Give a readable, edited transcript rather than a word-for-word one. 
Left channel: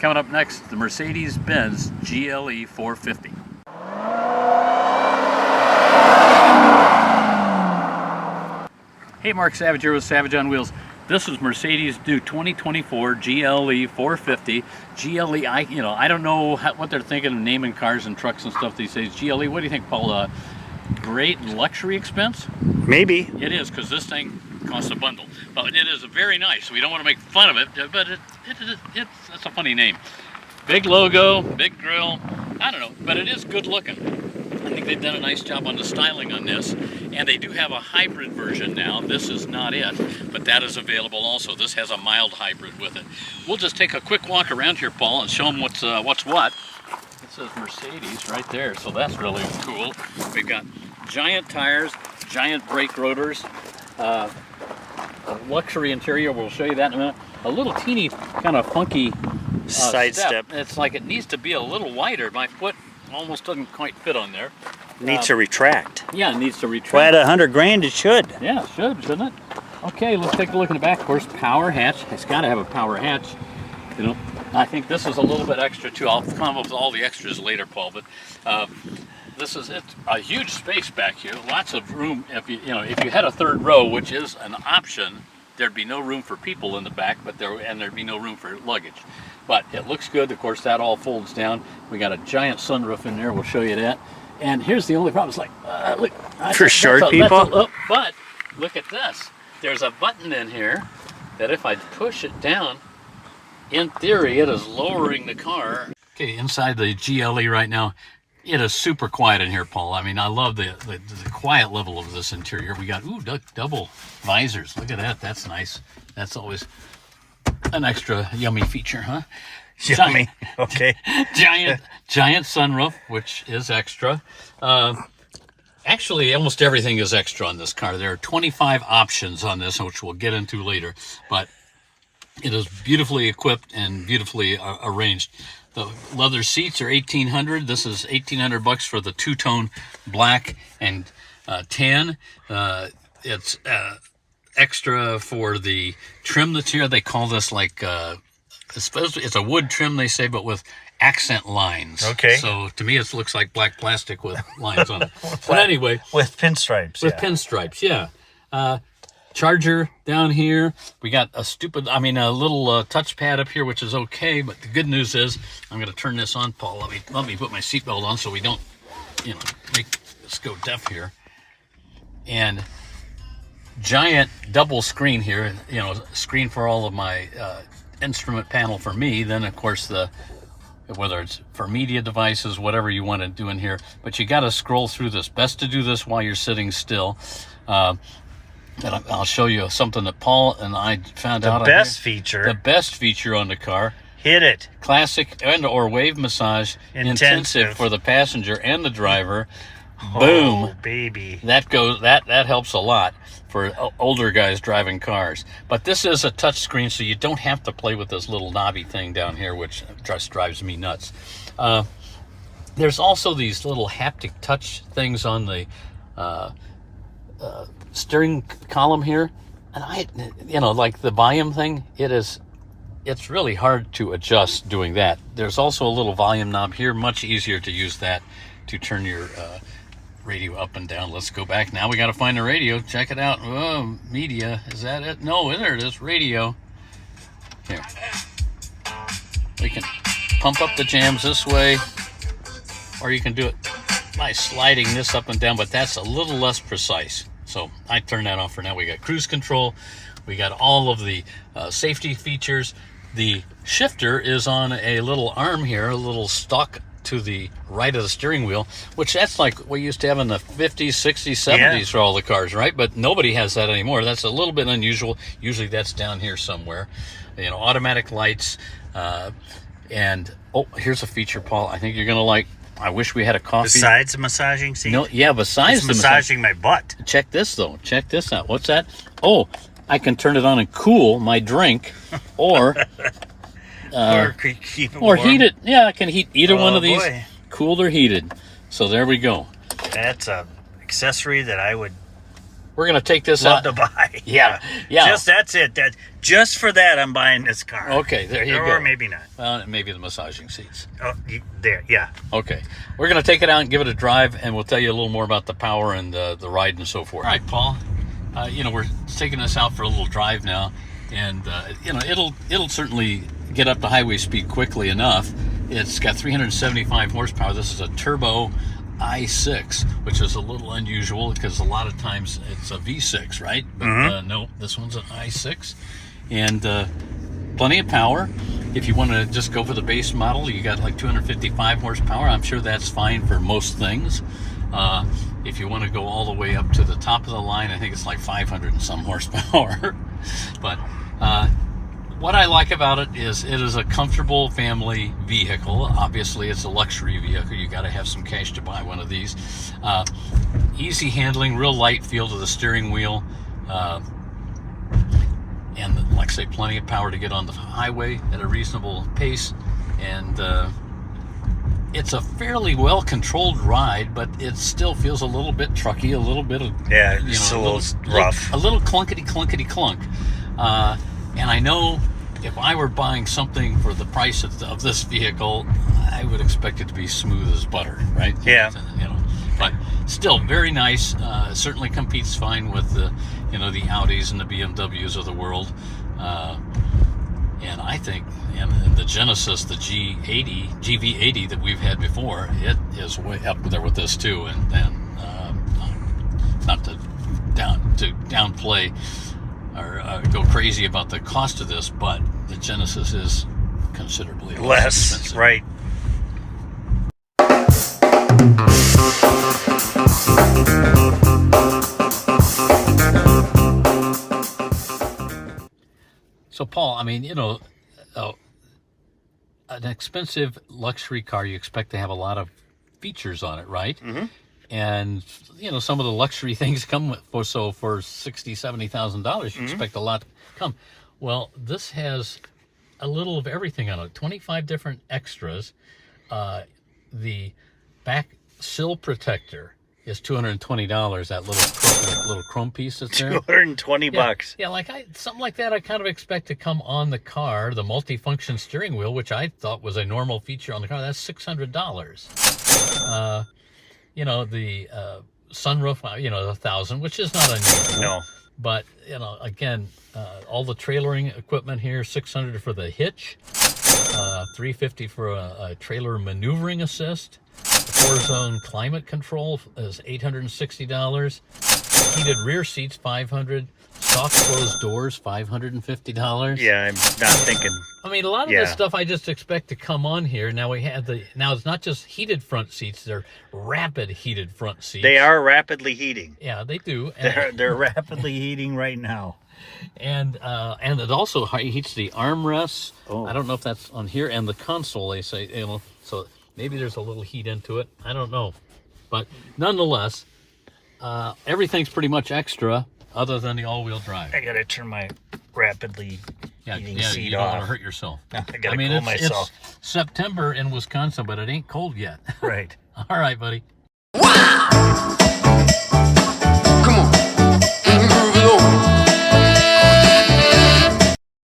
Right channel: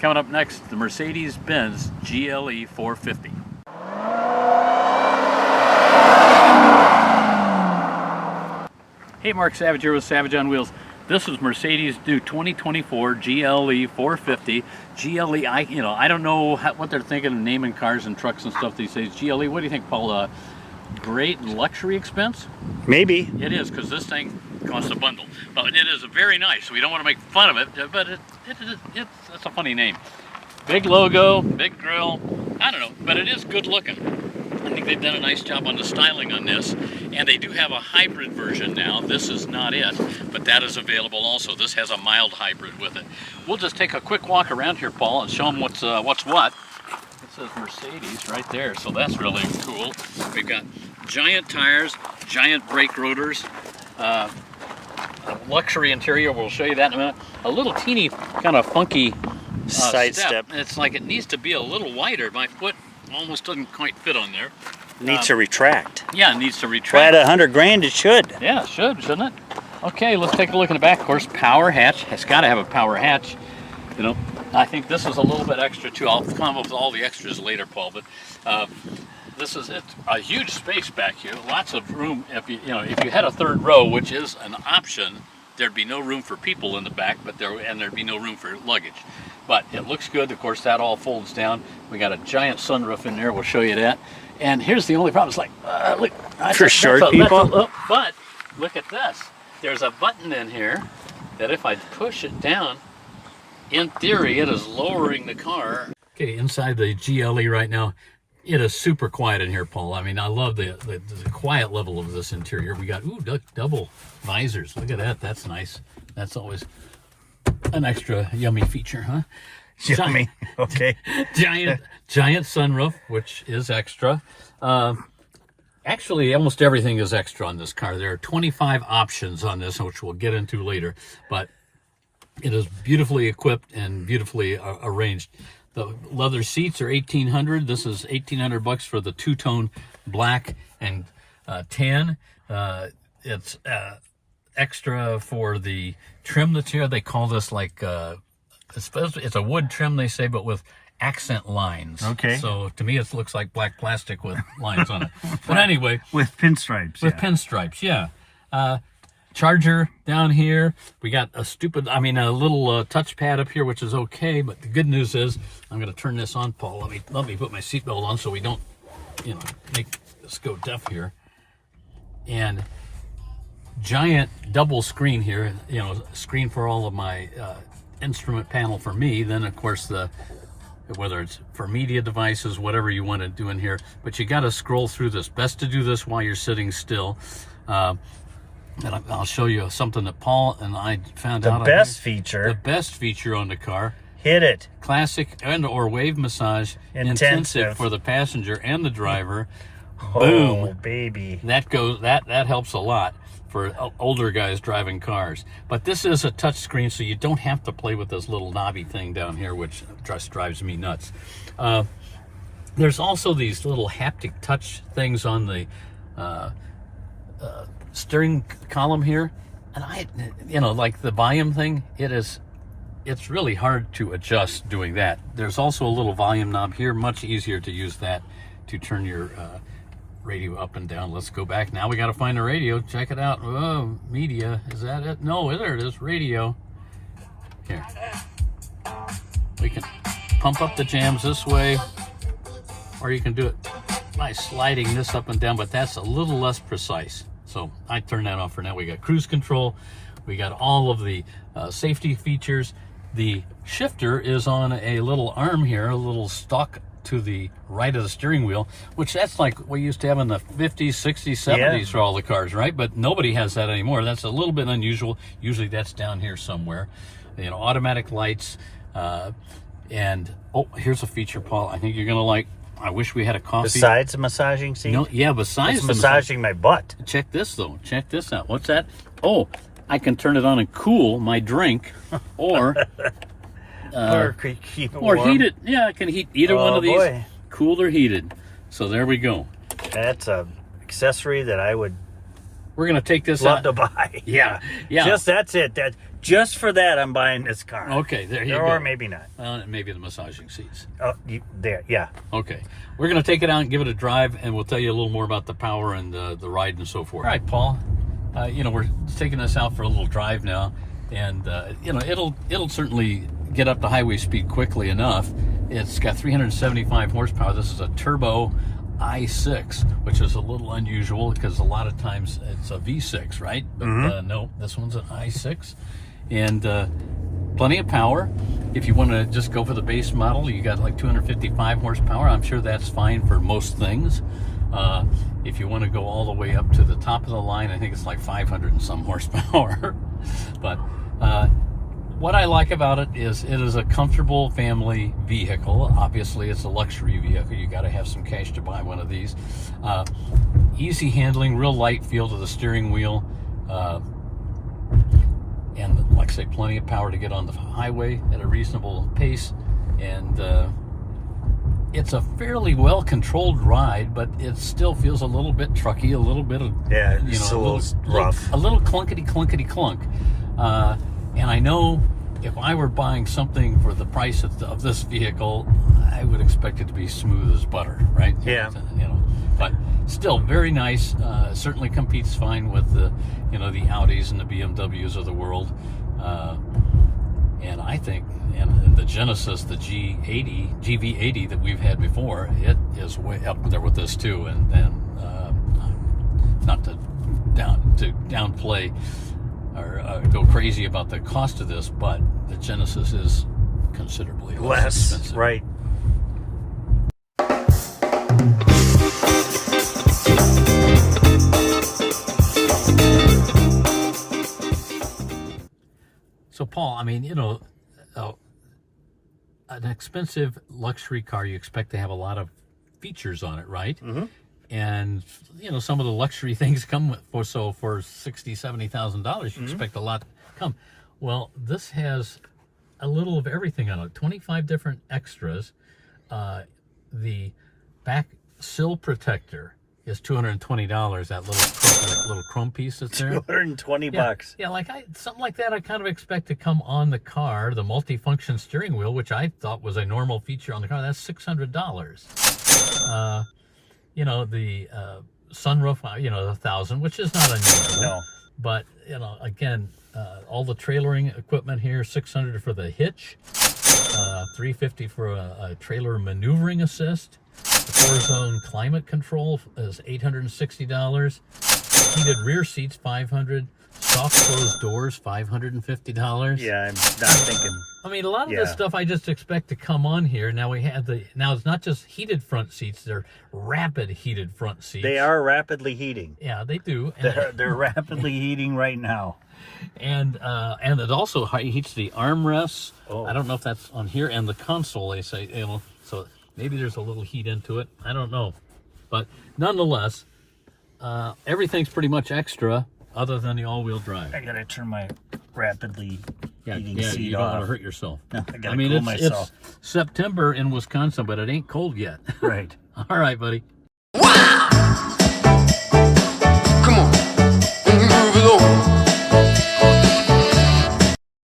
Coming up next, the Mercedes-Benz GLE 450. Hey, Mark Savage here with Savage on Wheels. This is Mercedes' new 2024 GLE 450. GLE, I don't know what they're thinking of naming cars and trucks and stuff these days. GLE, what do you think, Paul? Great luxury expense? Maybe. It is, because this thing costs a bundle. But it is very nice. We don't want to make fun of it, but it's a funny name. Big logo, big grille. I don't know, but it is good looking. I think they've done a nice job on the styling on this, and they do have a hybrid version now. This is not it, but that is available also. This has a mild hybrid with it. We'll just take a quick walk around here, Paul, and show them what's what. It says Mercedes right there, so that's really cool. We've got giant tires, giant brake rotors, a luxury interior. We'll show you that in a minute. A little teeny kind of funky side step. It's like it needs to be a little wider. My foot almost doesn't quite fit on there. Needs to retract. Yeah, it needs to retract. Well, at $100 grand, it should. Yeah, it should, shouldn't it? Okay, let's take a look in the back. Of course, power hatch. It's got to have a power hatch. You know, I think this is a little bit extra too. I'll come up with all the extras later, Paul. But it's a huge space back here. Lots of room. If you had a third row, which is an option, there'd be no room for people in the back, there'd be no room for luggage. But it looks good. Of course, that all folds down. We got a giant sunroof in there. We'll show you that. And here's the only problem. It's like, look. For short people? But look at this. There's a button in here that if I push it down, in theory, it is lowering the car. Okay, inside the GLE right now, it is super quiet in here, Paul. I mean, I love the quiet level of this interior. We got, double visors. Look at that. That's nice. That's always an extra yummy feature, huh? Yummy. Okay. Giant sunroof, which is extra. Actually, almost everything is extra on this car. There are 25 options on this, which we'll get into later. But it is beautifully equipped and beautifully arranged. The leather seats are $1,800. This is $1,800 for the two-tone black and tan. It's extra for the trim that's here. They call this like it's a wood trim, they say, but with accent lines. Okay. So to me, it looks like black plastic with lines on it. But anyway, with pinstripes. With pinstripes, yeah. Charger down here. We got a little touchpad up here, which is okay. But the good news is, I'm going to turn this on, Paul. Let me put my seatbelt on so we don't, make us go deaf here. And giant double screen here. Screen for all of my instrument panel for me. Then of course whether it's for media devices, whatever you want to do in here. But you got to scroll through this. Best to do this while you're sitting still. And I'll show you something that Paul and I found out. The best feature on the car. Hit it. Classic or wave massage intensive for the passenger and the driver. Oh, boom, baby. That helps a lot for older guys driving cars. But this is a touch screen, so you don't have to play with this little knobby thing down here, which just drives me nuts. There's also these little haptic touch things on the steering column here, and like the volume thing, it's really hard to adjust doing that. There's also a little volume knob here, much easier to use that to turn your radio up and down. Let's go back. Now we got to find the radio. Check it out. Oh, media, is that it? No, there it is, radio. Here. We can pump up the jams this way, or you can do it by sliding this up and down, but that's a little less precise. So I turn that off for now. We got cruise control. We got all of the safety features. The shifter is on a little arm here, a little stalk to the right of the steering wheel, which that's like we used to have in the 50s, 60s, 70s for all the cars, right? But nobody has that anymore. That's a little bit unusual. Usually that's down here somewhere. Automatic lights. And here's a feature, Paul, I think you're going to like. I wish we had a coffee. Besides the massaging seat? No, yeah, besides it's massaging my butt. Check this, though. Check this out. What's that? Oh, I can turn it on and cool my drink, or keep it warm. Or heat it. Yeah, I can heat either one of these, cooled or heated. So there we go. That's a accessory that I would we're gonna take this Love out. to buy. Yeah. Just that's it. Just for that, I'm buying this car. Okay, there you go. Or maybe not. Maybe the massaging seats. Oh, there. Yeah. Okay, we're gonna take it out and give it a drive, and we'll tell you a little more about the power and the ride and so forth. All right, Paul. We're taking this out for a little drive now, and it'll certainly get up to highway speed quickly enough. It's got 375 horsepower. This is a turbo i6, which is a little unusual because a lot of times it's a V6, right? But no, this one's an i6, and plenty of power. If you want to just go for the base model, you got like 255 horsepower. I'm sure that's fine for most things. If you want to go all the way up to the top of the line, I think it's like 500 and some horsepower. But what I like about it is a comfortable family vehicle. Obviously, it's a luxury vehicle. You got to have some cash to buy one of these. Easy handling, real light feel to the steering wheel. And like I say, plenty of power to get on the highway at a reasonable pace. And it's a fairly well-controlled ride, but it still feels a little bit trucky, a little bit of it's a little rough, a little clunkety clunk. And I know if I were buying something for the price of this vehicle, I would expect it to be smooth as butter, right? Yeah. But still very nice. Certainly competes fine with the Audis and the BMWs of the world. And I think, and the Genesis, the GV80 that we've had before, it is way up there with this too. And not to downplay or go crazy about the cost of this, but the Genesis is considerably less expensive. Right? So, Paul, I mean, an expensive luxury car, you expect to have a lot of features on it, right? Mm-hmm. And some of the luxury things come for $70,000, you expect a lot to come. Well, this has a little of everything on it. 25 different extras. The back sill protector is $220. That little chrome piece that's there. 220 bucks. Yeah, something like that. I kind of expect to come on the car. The multi-function steering wheel, which I thought was a normal feature on the car, that's $600. The sunroof, $1,000, which is not unusual. No. But, again, all the trailering equipment here, $600 for the hitch, $350 for a trailer maneuvering assist. The 4-zone climate control is $860. Heated rear seats, $500. Soft closed doors, $550. Yeah, I'm not thinking. I mean, a lot of this stuff I just expect to come on here. Now now it's not just heated front seats; they're rapid heated front seats. They are rapidly heating. Yeah, they do. They're rapidly heating right now. And it also heats the armrests. Oh. I don't know if that's on here, and the console. They say so maybe there's a little heat into it. I don't know, but nonetheless, everything's pretty much extra. Other than the all-wheel drive. I gotta turn my rapidly heating seat you don't off. want to hurt yourself. I gotta cool myself. It's September in Wisconsin, but it ain't cold yet. Right. All right, buddy.